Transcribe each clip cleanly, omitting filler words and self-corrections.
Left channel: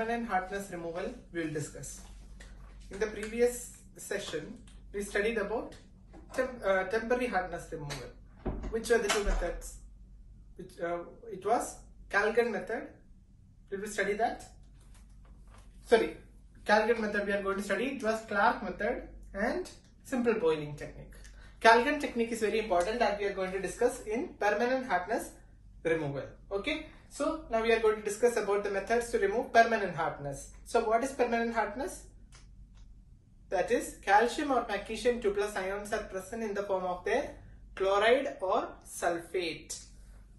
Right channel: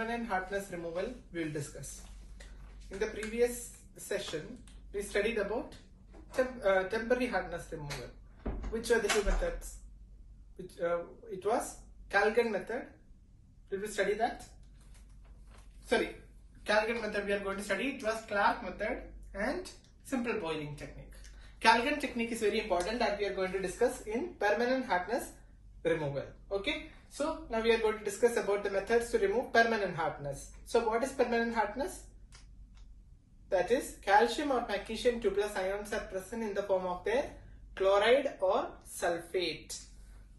permanent hardness removal we will discuss. In the previous session, we studied about temporary hardness removal. Which are the two methods? It was Calgon method. Did we study that? Sorry, Calgon method we are going to study. It was Clark method and simple boiling technique. Calgon technique is very important that we are going to discuss in permanent hardness removal. Okay. So now we are going to discuss about the methods to remove permanent hardness. So what is permanent hardness? That is, calcium or magnesium 2+ ions are present in the form of their chloride or sulfate.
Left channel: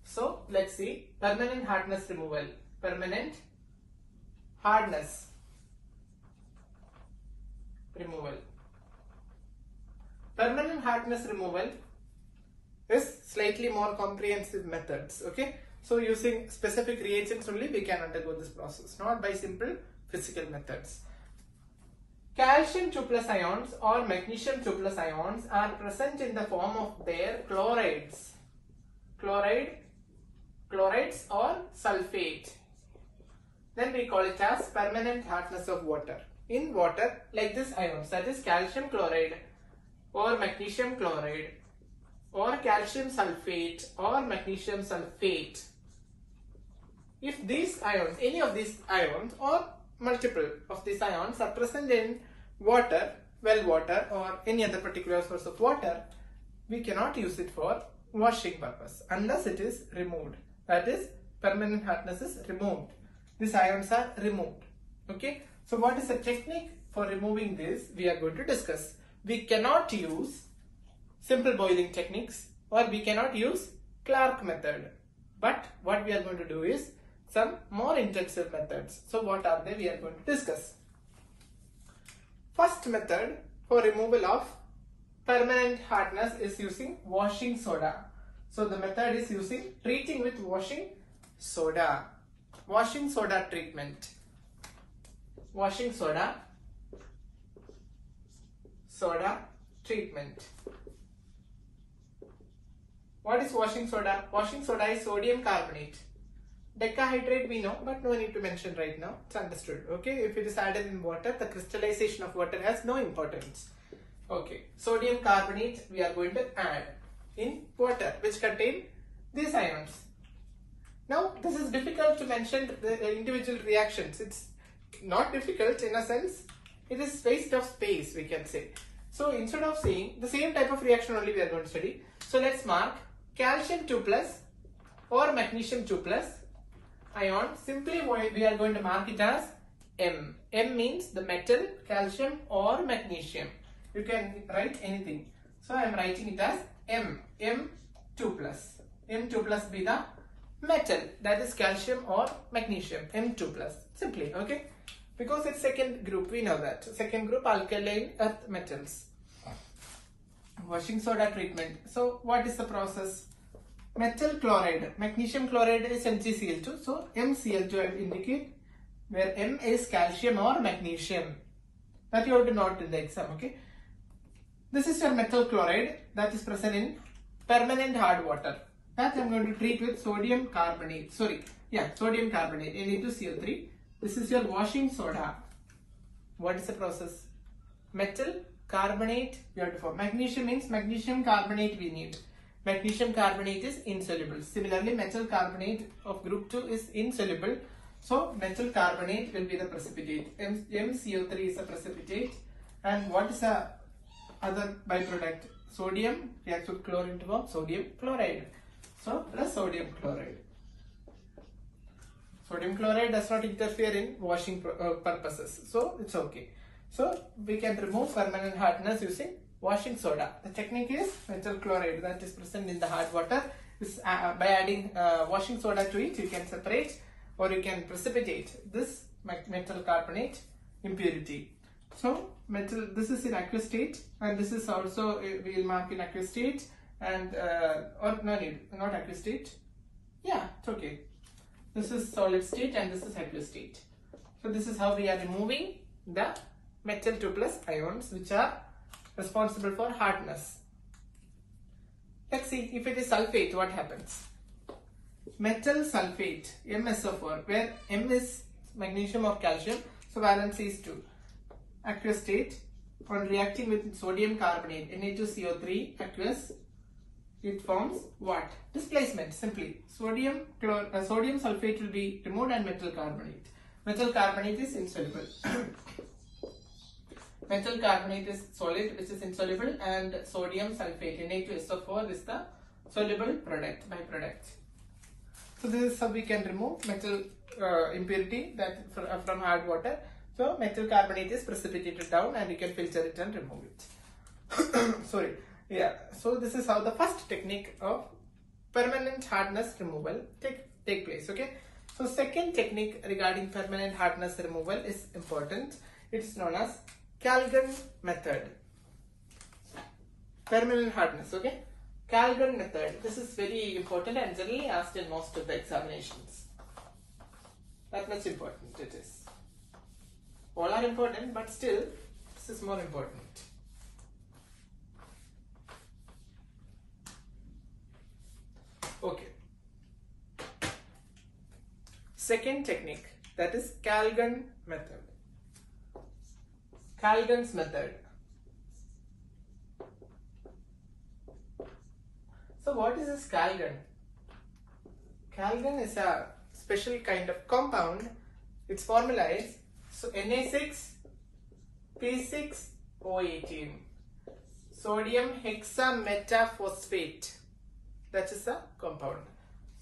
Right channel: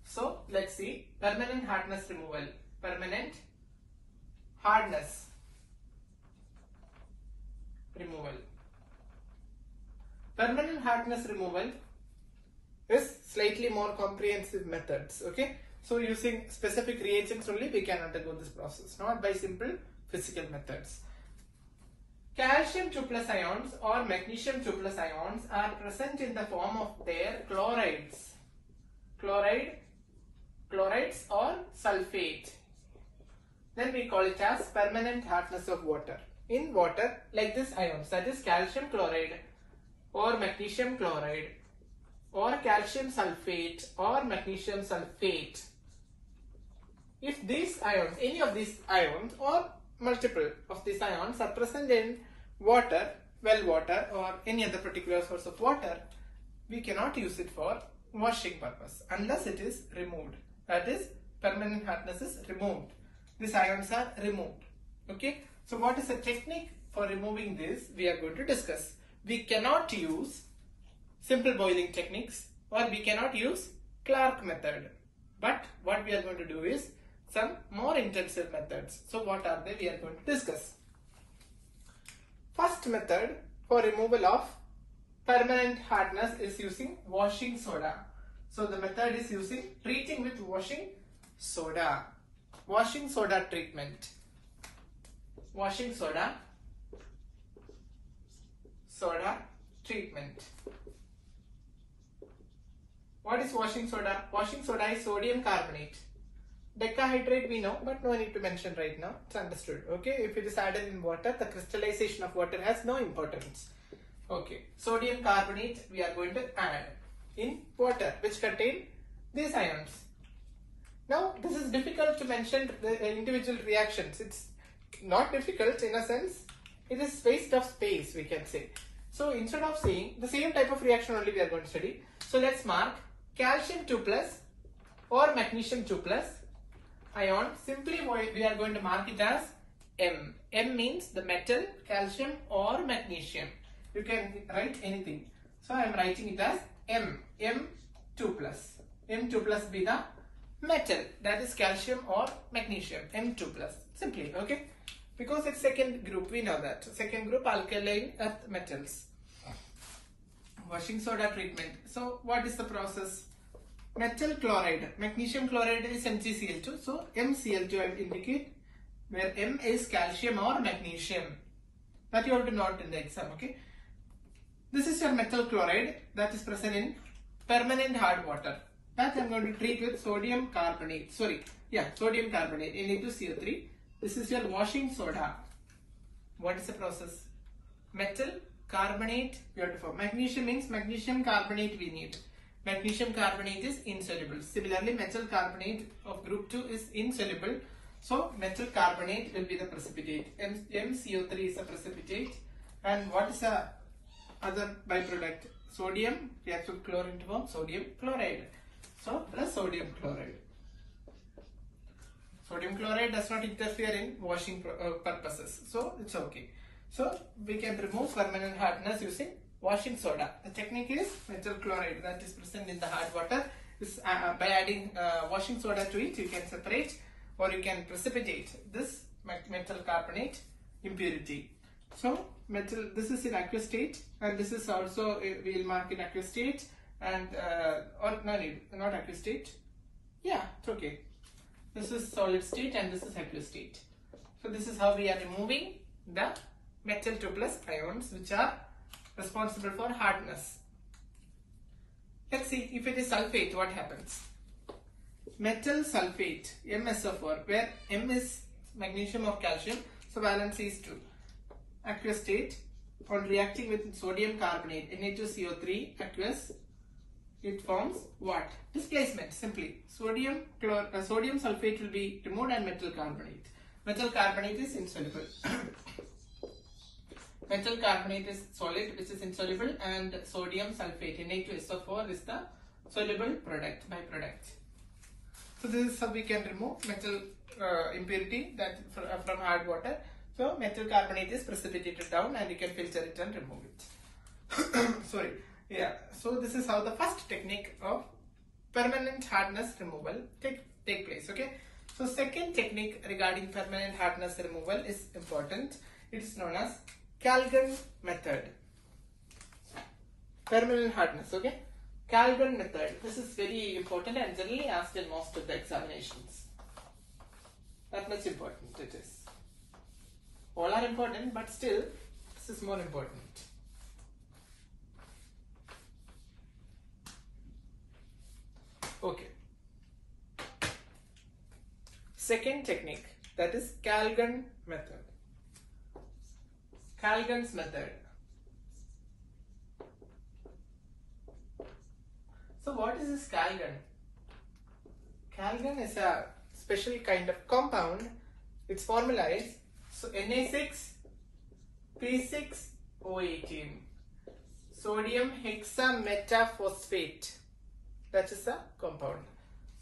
So let's see permanent hardness removal. Permanent hardness removal. Permanent hardness removal is slightly more comprehensive methods. Okay. So using specific reagents only we can undergo this process, not by simple physical methods. Calcium 2+ ions or magnesium 2+ ions are present in the form of their chlorides or sulfate. Then we call it as permanent hardness of water. In water, like this ions, that is calcium chloride or magnesium chloride or calcium sulfate or magnesium sulfate. If these ions, any of these ions or multiple of these ions are present in water, well water or any other particular source of water, we cannot use it for washing purpose unless it is removed. That is, permanent hardness is removed. These ions are removed. Okay. So what is the technique for removing this? We are going to discuss. We cannot use simple boiling techniques or we cannot use Clark method. But what we are going to do is some more intensive methods. So what are they? We are going to discuss. First method for removal of permanent hardness is using washing soda. So the method is using treating with washing soda. Washing soda treatment. Washing soda treatment. What is washing soda? Washing soda is sodium carbonate. Decahydrate we know, but no need to mention right now. It's understood. Okay. If it is added in water, the crystallization of water has no importance. Okay. Sodium carbonate we are going to add in water which contain these ions. Now this is difficult to mention the individual reactions. It's not difficult in a sense. It is waste of space we can say. So instead of saying the same type of reaction only we are going to study. So let's mark calcium 2+ or magnesium 2+ ion. Simply we are going to mark it as M. M means the metal, calcium or magnesium. You can write anything. So I am writing it as M. M2+. M2+ be the metal, that is calcium or magnesium. M2+. Simply, okay. Because it's second group, we know that. Second group alkaline earth metals. Washing soda treatment. So what is the process? Metal chloride. Magnesium chloride is MgCl2. So MCl2 I will indicate where M is calcium or magnesium. That you have to note in the exam, okay. This is your metal chloride that is present in permanent hard water. That I am going to treat with sodium carbonate. Sodium carbonate, Na2Cl3. This is your washing soda. What is the process? Metal carbonate you have to form. Magnesium means magnesium carbonate we need. Magnesium carbonate is insoluble. Similarly, metal carbonate of group 2 is insoluble. So metal carbonate will be the precipitate. MCO3 is a precipitate. And what is the other byproduct? Sodium reacts with chlorine to form sodium chloride. So plus sodium chloride. Sodium chloride does not interfere in washing purposes. So it's okay. So we can remove permanent hardness using washing soda. The technique is metal chloride that is present in the hard water. By adding washing soda to it, you can separate or you can precipitate this metal carbonate impurity. So metal, this is in aqueous state and this is also, we will mark in aqueous state and or no need, not aqueous state. Yeah, it's okay. This is solid state and this is aqueous state. So this is how we are removing the metal 2+ ions which are responsible for hardness. Let's see if it is sulfate, what happens? Metal sulfate, MsO4, where M is magnesium or calcium. So valency is 2. Aqueous state, on reacting with sodium carbonate, Na2CO3 aqueous, it forms what? Displacement, simply. Sodium sulfate will be removed and metal carbonate. Metal carbonate is insoluble. Metal carbonate is solid, which is insoluble, and sodium sulfate, Na2SO4, is the soluble product, byproduct. So this is how we can remove metal impurity that from hard water. So metal carbonate is precipitated down and you can filter it and remove it. Sorry. Yeah. So this is how the first technique of permanent hardness removal take place. Okay. So second technique regarding permanent hardness removal is important. It's known as Calgon method. Permanent hardness. Okay. Calgon method. This is very important and generally asked in most of the examinations. That much important it is. All are important, but still this is more important. Okay. Second technique, that is Calgon method. Calgon's method. So what is this Calgon? Calgon is a special kind of compound. Its formula is Na6P6O18, sodium hexametaphosphate. That is a compound.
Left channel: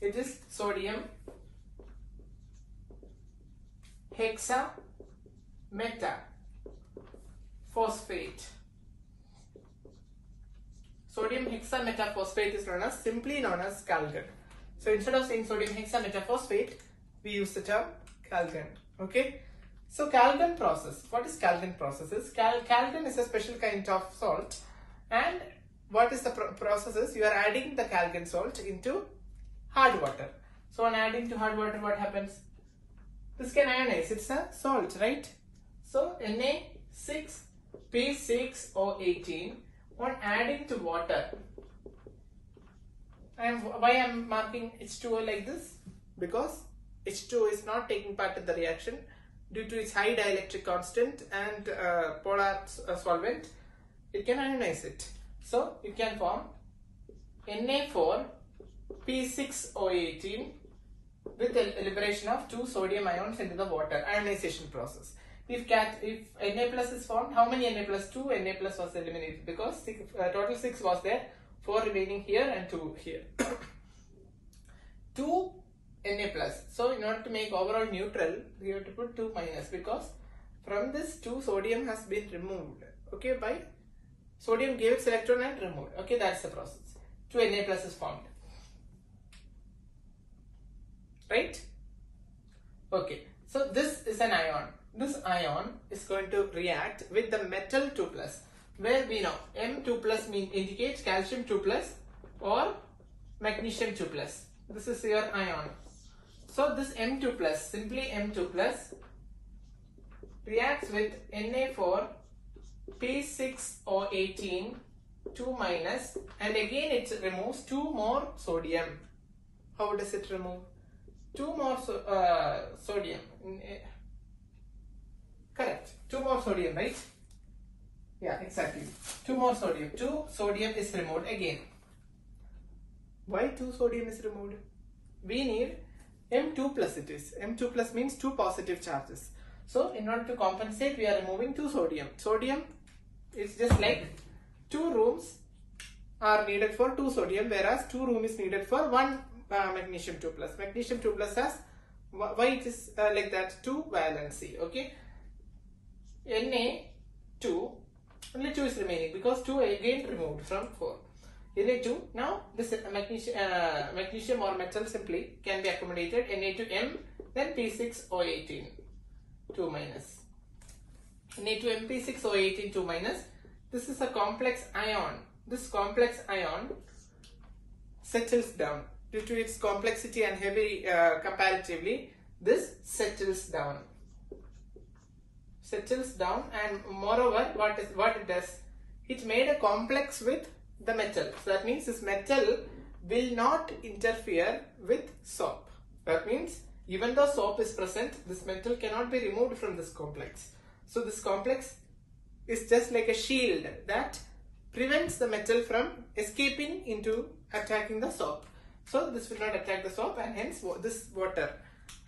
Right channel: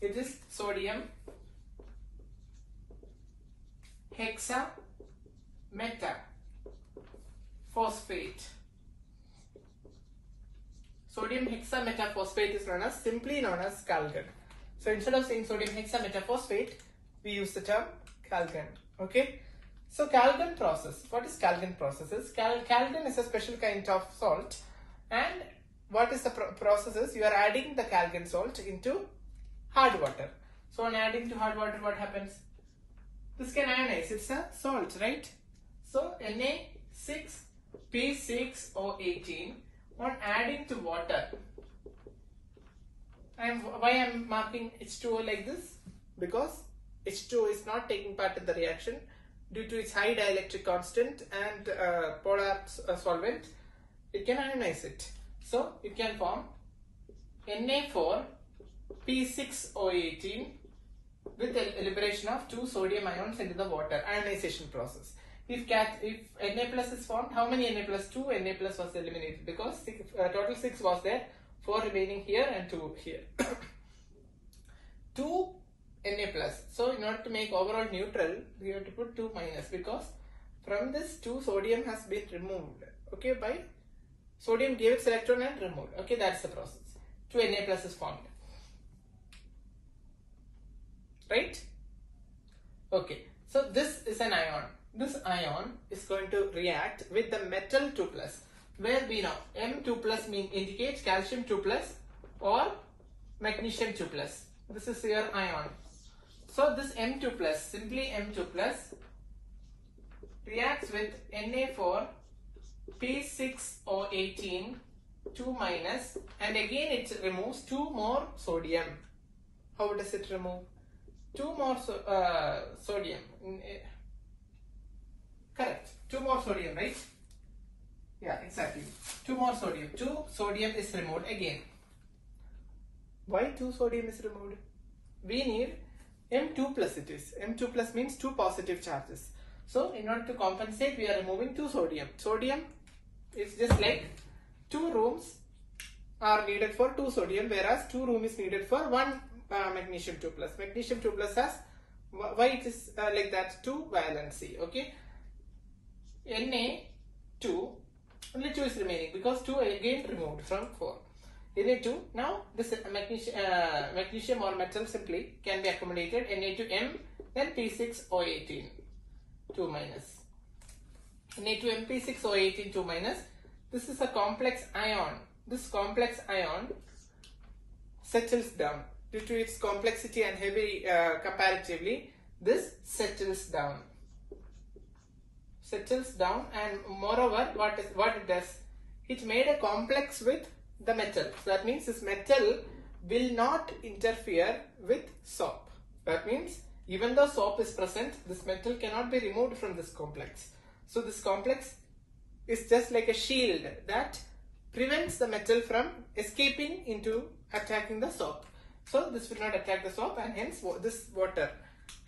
It is sodium hexametaphosphate. Sodium hexametaphosphate is simply known as Calgon. So instead of saying sodium hexametaphosphate, we use the term Calgon. Okay. So Calgon process. What is Calgon process? Calgon is a special kind of salt, and what is the process is you are adding the Calgon salt into hard water. So on adding to hard water, what happens? This can ionize. It's a salt, right? So Na6P6O18 on adding to water. Why I am marking H2O like this? Because H2O is not taking part in the reaction due to its high dielectric constant and polar solvent. It can ionize it. So it can form Na4P6O18 with the liberation of 2 sodium ions into the water, ionization process. If Na plus is formed, how many Na plus? 2 Na plus was eliminated because total 6 was there, 4 remaining here and 2 here. 2 Na plus. So in order to make overall neutral, we have to put 2 minus because from this 2 sodium has been removed. Okay, by sodium gave its electron and removed. Okay, that's the process. 2 Na plus is formed. Right? Okay, so this is an ion. This ion is going to react with the metal 2 plus, where we know M2 plus indicates calcium 2 plus or magnesium 2 plus. This is your ion. So this M2 plus, simply M2 plus, reacts with Na4P6O18 2 minus, and again it removes 2 more sodium. How does it remove? 2 more sodium. Correct. 2 more sodium, right? Yeah, exactly. 2 more sodium. 2 sodium is removed again. Why 2 sodium is removed? We need M2 plus it is. M2 plus means 2 positive charges. So in order to compensate, we are removing 2 sodium. Sodium is just like 2 rooms are needed for 2 sodium, whereas 2 room is needed for 1 magnesium 2 plus. Magnesium 2 plus has, why it is like that, 2 valency. Okay. Na2, only 2 is remaining because 2 again removed from 4. Na2, now this magnesium or metal simply can be accommodated. Na2M, then P6O18, 2 minus. Na2M, P6O18, 2 minus. This is a complex ion. This complex ion settles down. Due to its complexity and heavy comparatively, this settles down. And moreover, what it does? It made a complex with the metal. So that means this metal will not interfere with soap. That means Even though soap is present, this metal cannot be removed from this complex. So this complex is just like a shield that prevents the metal from escaping into attacking the soap. So this will not attack the soap, and hence this water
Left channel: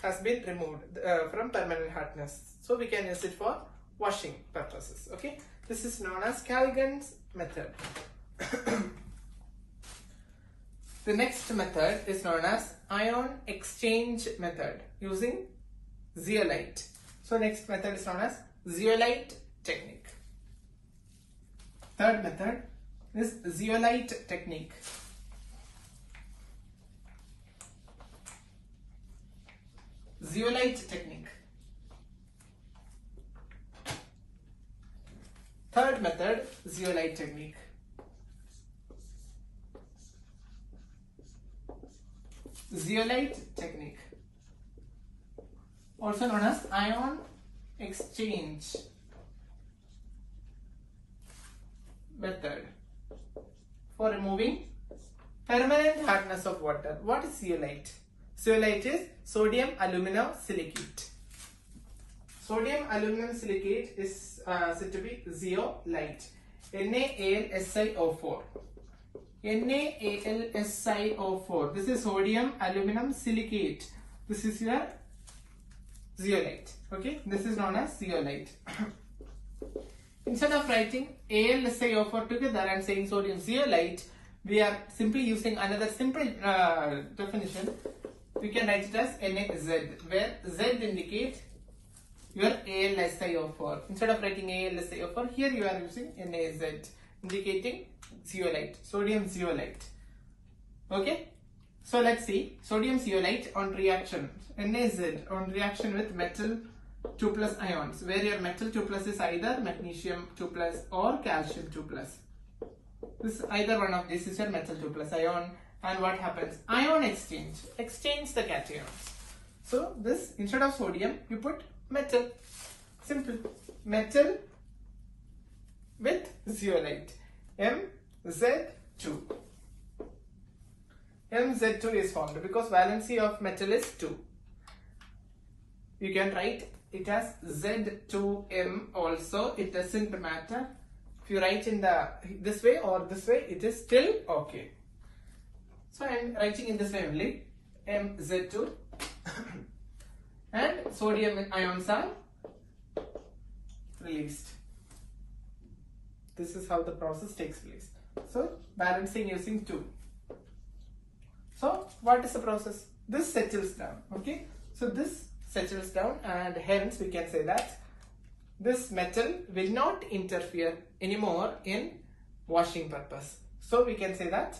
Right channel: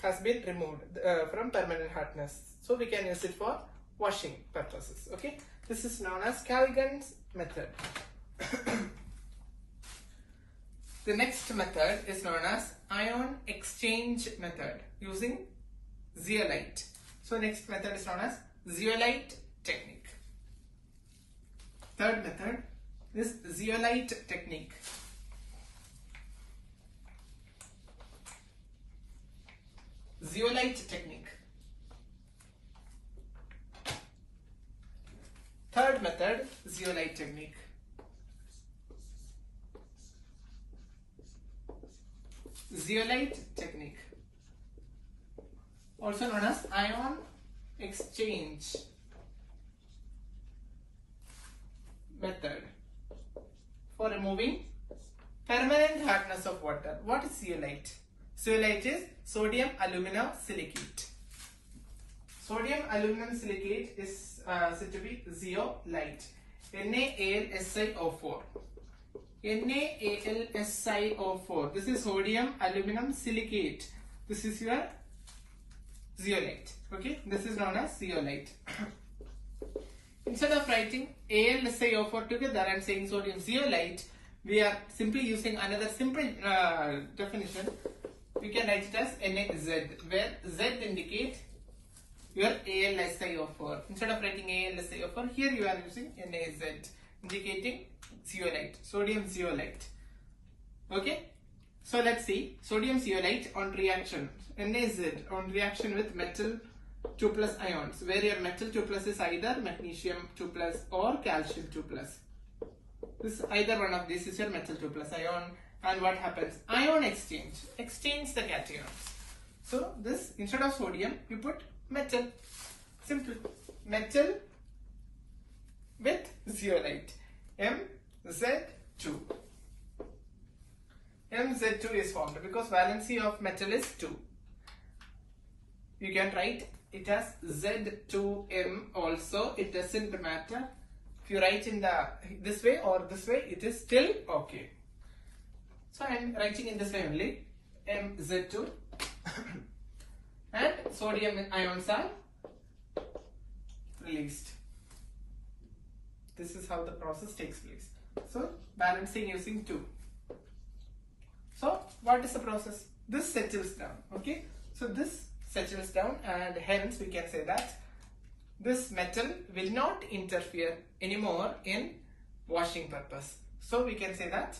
has been removed from permanent hardness. So we can use it for washing purposes. Okay, this is known as Kalgan's method. The next method is known as ion exchange method using zeolite. So next method is known as zeolite technique. Third method is zeolite technique. Zeolite technique. Third method, zeolite technique. Zeolite technique, also known as ion exchange method for removing permanent hardness of water. What is zeolite? Zeolite is sodium aluminum silicate. Sodium aluminum silicate is said to be zeolite. NaAlSiO4. NaAlSiO4. This is sodium aluminum silicate. This is your zeolite. Okay, this is known as zeolite. Instead of writing AlSiO4 together and saying sodium zeolite, we are simply using another simple definition. We can write it as NaZ, where Z indicates your AlSiO4. Instead of writing AlSiO4, here you are using NaZ, indicating zeolite, sodium zeolite. Okay, so let's see sodium zeolite on reaction, NaZ on reaction with metal 2 plus ions, where your metal 2 plus is either magnesium 2 plus or calcium 2 plus. This either one of these is your metal 2 plus ion, and what happens? Ion exchange the cations. So this, instead of sodium you put metal, simple, metal with zeolite, Mz2. Mz2 is formed because valency of metal is 2. You can write it as Z2M also, it doesn't matter. If you write in this way or this way, it is still okay. So I am writing in this way only, Mz2 and sodium ions are released. This is how the process takes place. So balancing using 2. So what is the process? This settles down. Okay, so this settles down, and hence we can say that this metal will not interfere anymore in washing purpose. So we can say that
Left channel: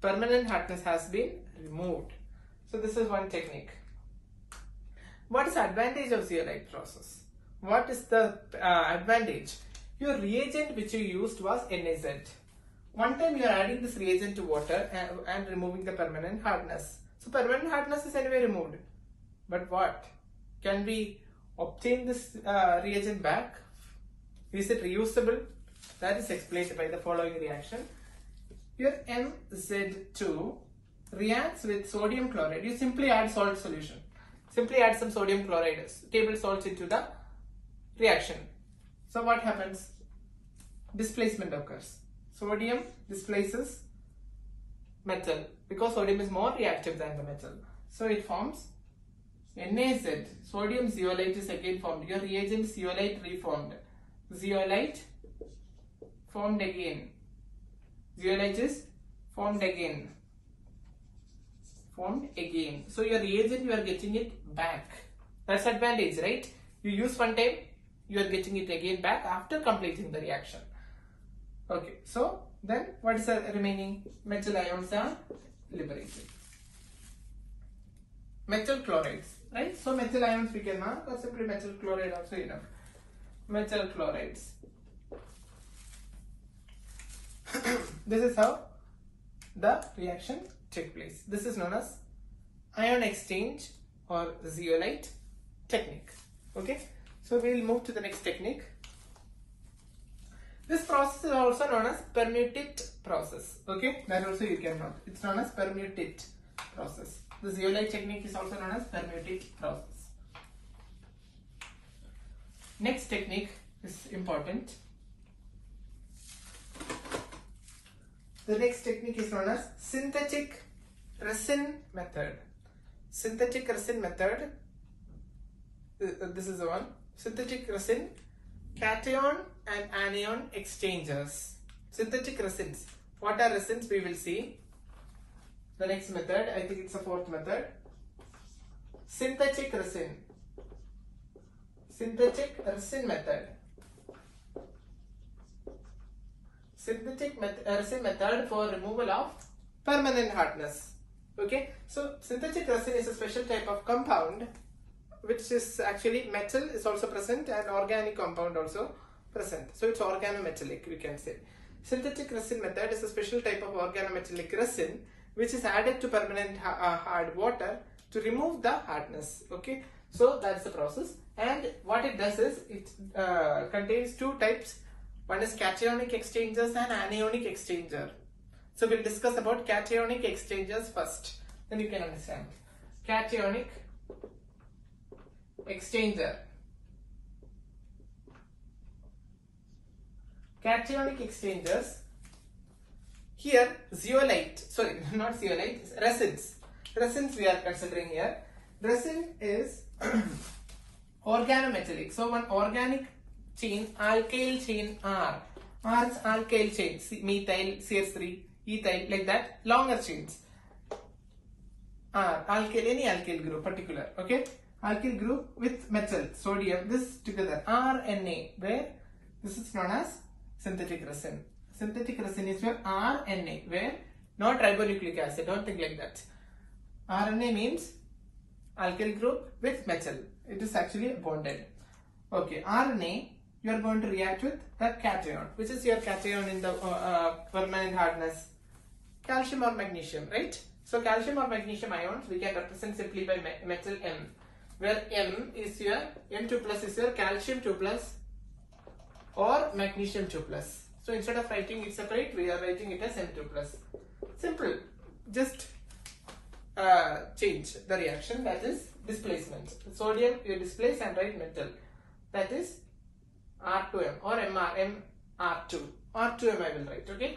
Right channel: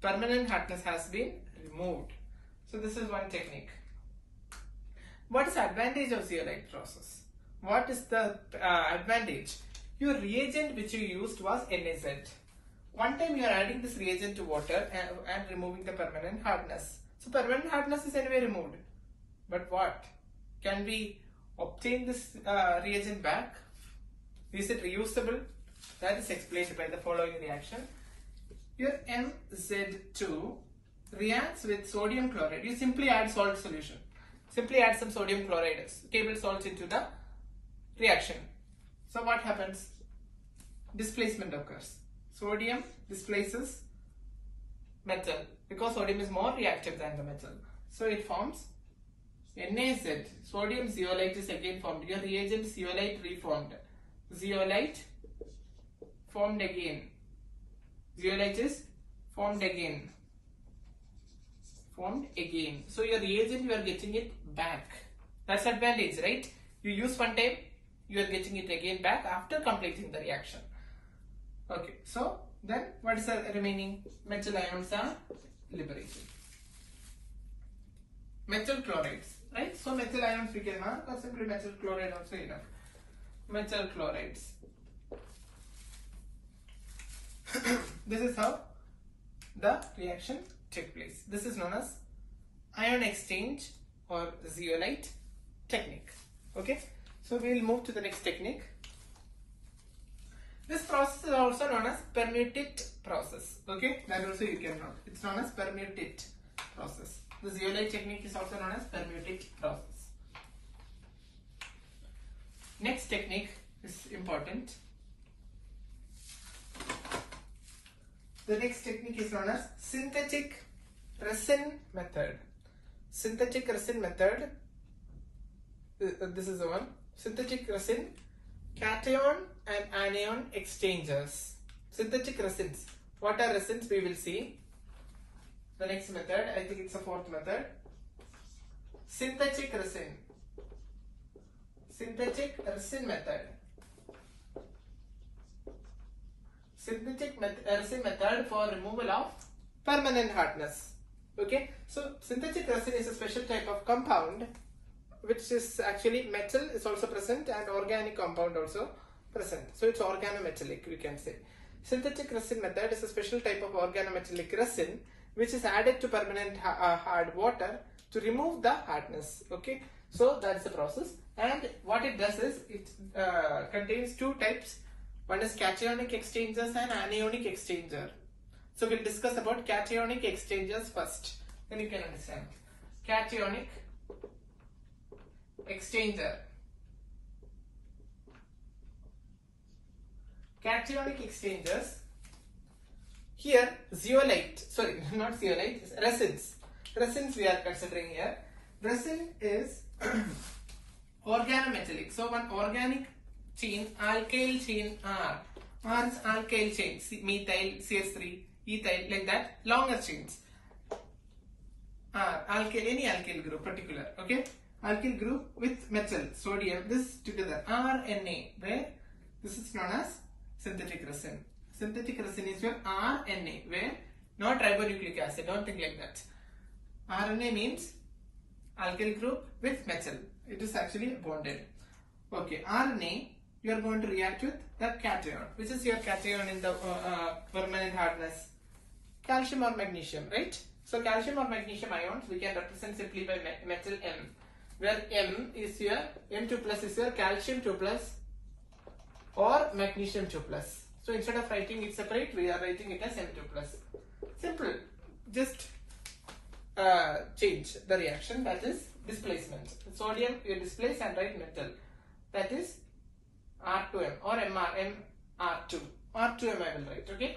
permanent hardness has been removed. So this is one technique. What is the advantage of zeolite process? What is the advantage? Your reagent which you used was NaZ. One time you are adding this reagent to water and removing the permanent hardness. So permanent hardness is anyway removed. But what? Can we obtain this reagent back? Is it reusable? That is explained by the following reaction. Your Mz2 reacts with sodium chloride. You simply add salt solution. Simply add some sodium chloride, table salts into the reaction. So what happens? Displacement occurs. Sodium displaces metal because sodium is more reactive than the metal. So it forms NaZ. Sodium zeolite is again formed. Your reagent zeolite reformed. Zeolite formed again. Zeolite is formed again. So your reagent, you are getting it back. That's advantage, right? You use one time, you are getting it again back after completing the reaction. Okay, so then what is the remaining? Metal ions are liberated. Metal chlorides, right? So metal ions we can mark, or simply metal chloride also enough. Metal chlorides. This is how the reaction takes place. This is known as ion exchange or zeolite technique. Okay, so we will move to the next technique. This process is also known as permutate process. Okay, that also you can note. It's known as permutate process. The zeolite technique is also known as permuting process. Next technique is important. The next technique is known as synthetic resin method. Synthetic resin method. This is the one. Synthetic resin, cation and anion exchangers. Synthetic resins. What are resins? We will see. The next method, I think it's the fourth method. Synthetic resin. Synthetic resin method. Synthetic resin method for removal of permanent hardness. Okay, so synthetic resin is a special type of compound which is actually metal is also present and organic compound also present. So it's organometallic, we can say. Synthetic resin method is a special type of organometallic resin which is added to permanent hard water to remove the hardness. Okay, so that is the process, and what it does is it contains two types. One is cationic exchangers and anionic exchanger. So we'll discuss about cationic exchangers first, then you can understand. Cationic exchanger. Cationic exchangers. Here zeolite, sorry, not zeolite, resins. Resins we are considering here. Resin is organometallic. So one organic chain, alkyl chain R. R is alkyl chain, methyl, CS3, ethyl, like that, longer chains. R, alkyl, any alkyl group particular, okay? Alkyl group with metal, sodium, this together, RNA, where this is known as synthetic resin. Synthetic resin is your RNA, where not ribonucleic acid, don't think like that. RNA means alkyl group with metal. It is actually bonded. Okay, RNA, you are going to react with the cation. Which is your cation in the permanent hardness? Calcium or magnesium, right? So calcium or magnesium ions we can represent simply by metal M, where M is your M2 plus is your calcium 2 plus or magnesium 2 plus. So instead of writing it separate, we are writing it as M2 plus. Simple. Just change the reaction, that is displacement. Sodium you displace and write metal, that is R2M or MR2. R2M I will write, okay?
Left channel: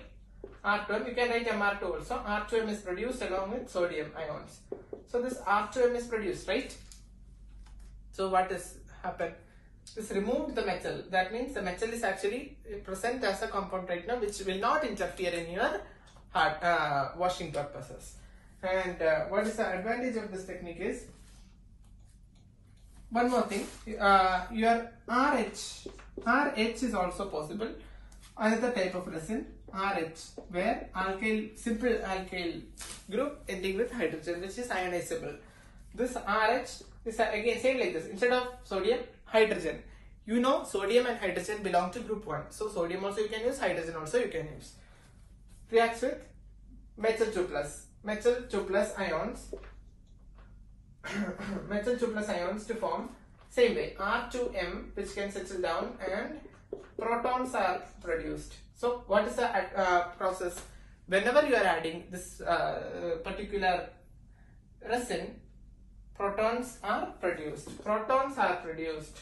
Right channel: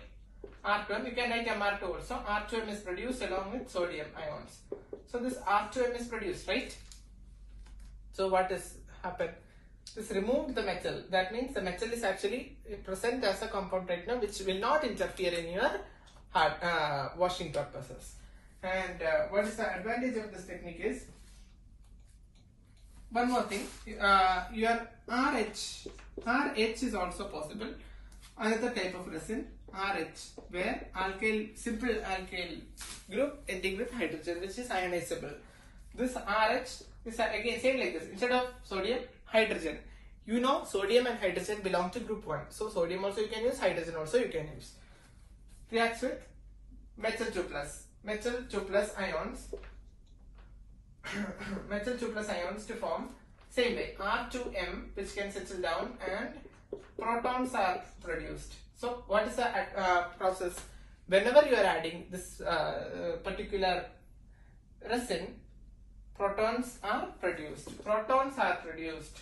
R2M, you can write MR2 also. R2M is produced along with sodium ions. So this R2M is produced, right? So what has happened? This removed the metal. That means the metal is actually present as a compound right now, which will not interfere in your washing purposes. And what is the advantage of this technique is, one more thing, your RH is also possible. Another type of resin, RH, where alkyl, simple alkyl group ending with hydrogen, which is ionizable. This RH is again same like this. Instead of sodium, hydrogen. You know sodium and hydrogen belong to group 1. So sodium also you can use, hydrogen also you can use. Reacts with metal 2 plus. Metal 2 plus ions. Metal 2 plus ions to form same way R2M, which can settle down and protons are produced. So what is the process? Whenever you are adding this particular resin, protons are produced. Protons are produced.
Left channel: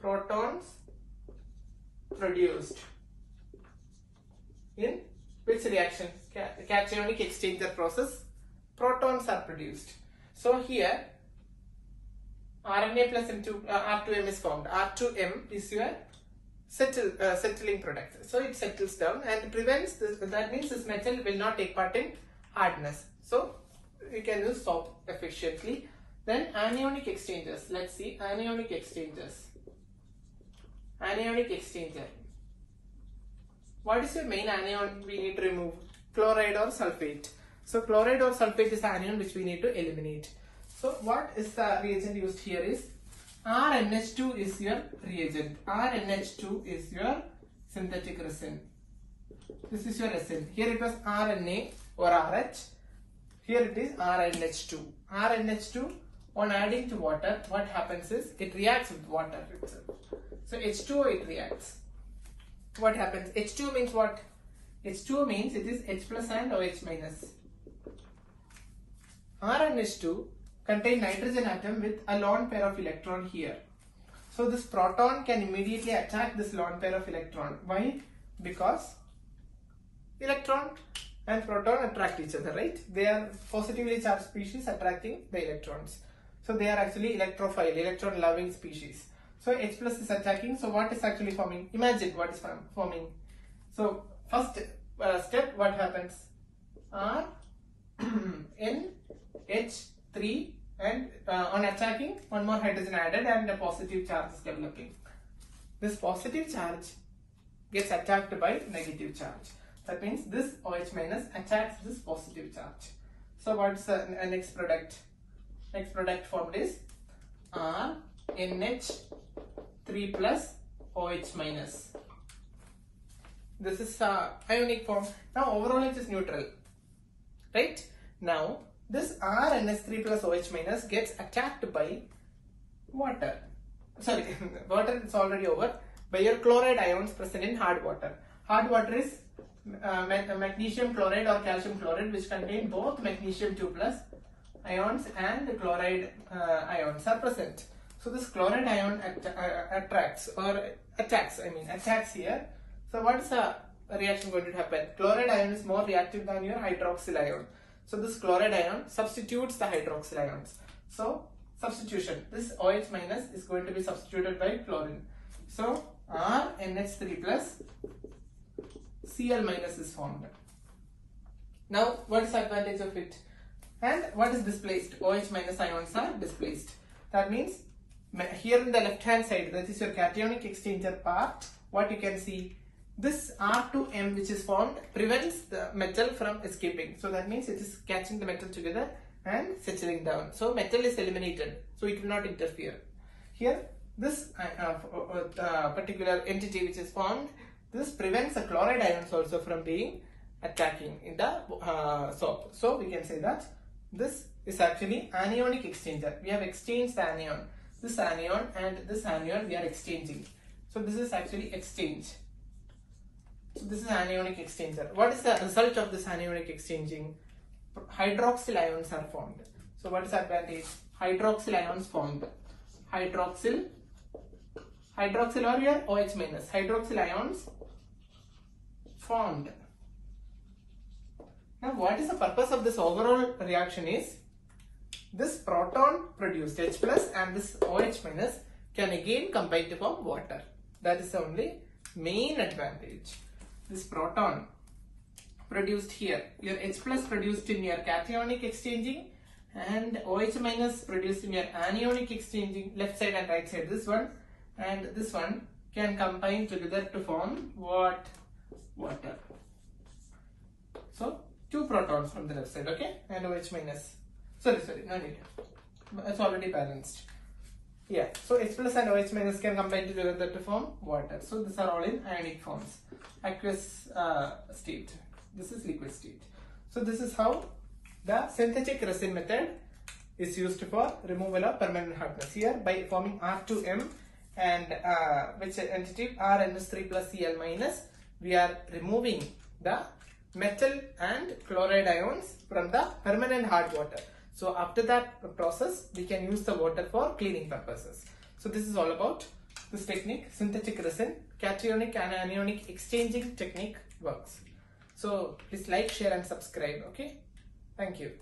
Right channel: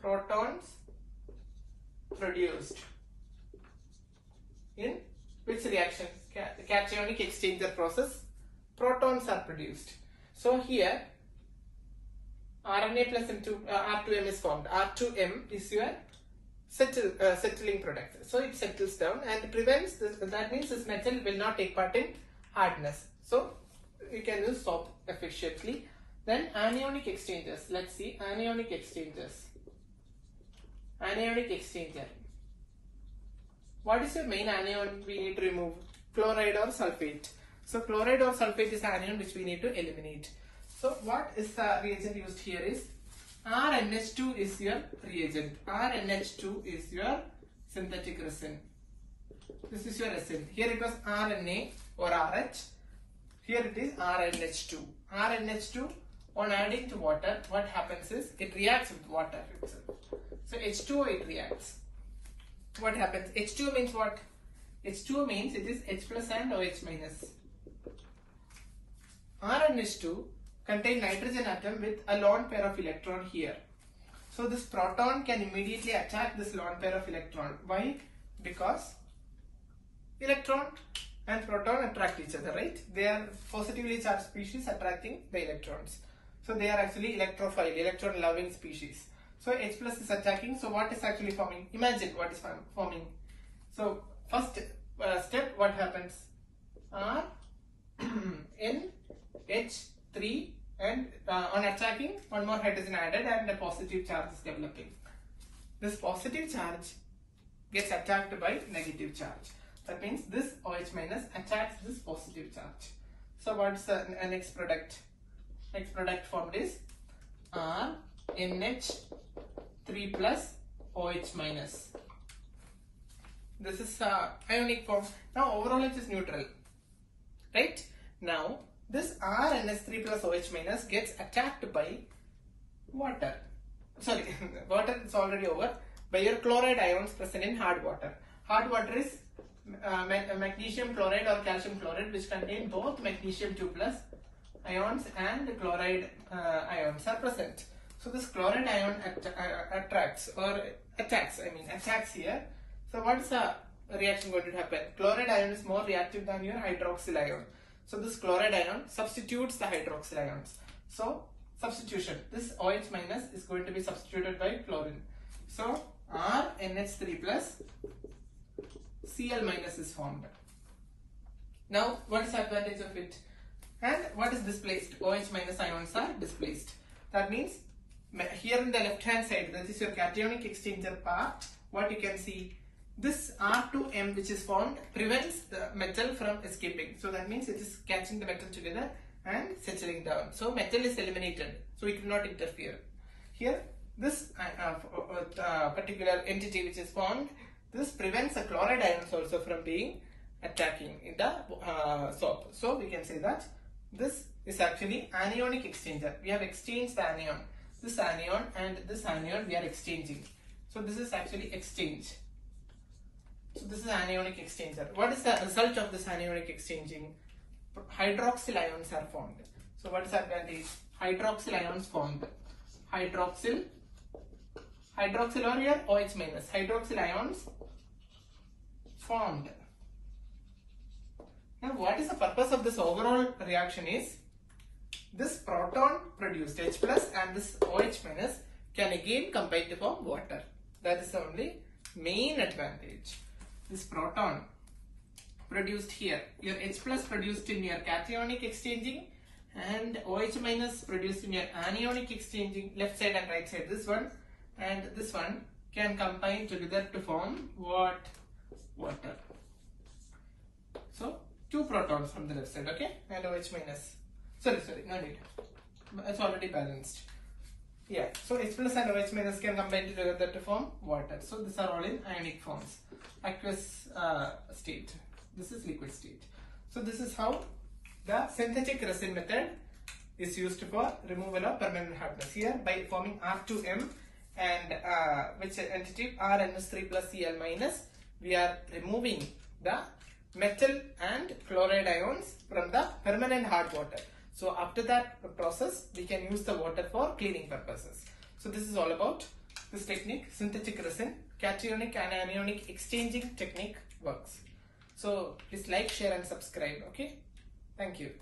Protons produced in which reaction? Cationic exchanger process. Protons are produced. So here RNA plus R2M is formed. R2M is your settling product. So it settles down and prevents this. That means this metal will not take part in hardness. So you can use soap efficiently. Then anionic exchangers. Let's see anionic exchangers. Anionic exchanger. What is your main anion we need to remove? Chloride or sulfate. So chloride or sulfate is the anion which we need to eliminate. So what is the reagent used here is RNH2 is your reagent. RNH2 is your synthetic resin. This is your resin. Here it was RNA or RH. Here it is RNH2. RNH2, on adding to water, what happens is it reacts with water itself. So H2O it reacts. What happens? H2 means what? H2 means it is H plus and OH minus. RNH2 contain nitrogen atom with a lone pair of electron here. So this proton can immediately attack this lone pair of electron. Why? Because electron and proton attract each other, right? They are positively charged species attracting the electrons. So they are actually electrophile, electron loving species. So H plus is attacking. So what is actually forming? Imagine what is forming. So first step, what happens? R N H3, and on attacking, one more hydrogen added and a positive charge is developing. This positive charge gets attacked by negative charge. That means this OH minus attacks this positive charge. So what's the next product? Next product formed is RNH3 plus OH minus. This is ionic form. Now overall it is neutral, right? Now this RNH3 plus OH minus gets attacked by water. Sorry, water is already over. By your chloride ions present in hard water. Hard water is magnesium chloride or calcium chloride, which contain both magnesium 2 plus ions and chloride ions are present. So this chloride ion attacks here. So what is the reaction going to happen? Chloride ion is more reactive than your hydroxyl ion. So this chloride ion substitutes the hydroxyl ions. So substitution, this OH minus is going to be substituted by chlorine. So RNH3 plus Cl minus is formed. Now what is the advantage of it? And what is displaced? OH minus ions are displaced. That means here in the left hand side, that is your cationic exchanger part, what you can see, this R2M which is formed prevents the metal from escaping. So that means it is catching the metal together and settling down. So metal is eliminated. So it will not interfere. Here this particular entity which is formed, this prevents the chloride ions also from being attacking in the soap. So we can say that this is actually anionic exchanger. We have exchanged the anion. This anion and this anion we are exchanging. So this is actually exchange. So this is anionic exchanger. What is the result of this anionic exchanging? Hydroxyl ions are formed. So what is the advantage? Hydroxyl ions formed. Hydroxyl or your OH minus. Hydroxyl ions formed. Now what is the purpose of this overall reaction is, this proton produced H plus and this OH minus can again combine to form water. That is the only main advantage. This proton produced here, your H plus produced in your cationic exchanging and OH minus produced in your anionic exchanging, left side and right side, this one and this one can combine together to form what? Water. So two protons from the left side, okay, and OH minus. Sorry, no need. It's already balanced. Yeah, so H plus and OH minus can combine together to form water. So these are all in ionic forms. Aqueous state. This is liquid state. So this is how the synthetic resin method is used for removal of permanent hardness. Here by forming R2M and which entity RNH3 plus Cl minus, we are removing the metal and chloride ions from the permanent hard water. So after that process, we can use the water for cleaning purposes. So this is all about this technique, synthetic resin, cationic and anionic exchanging technique works. So please like, share and subscribe. Okay. Thank you.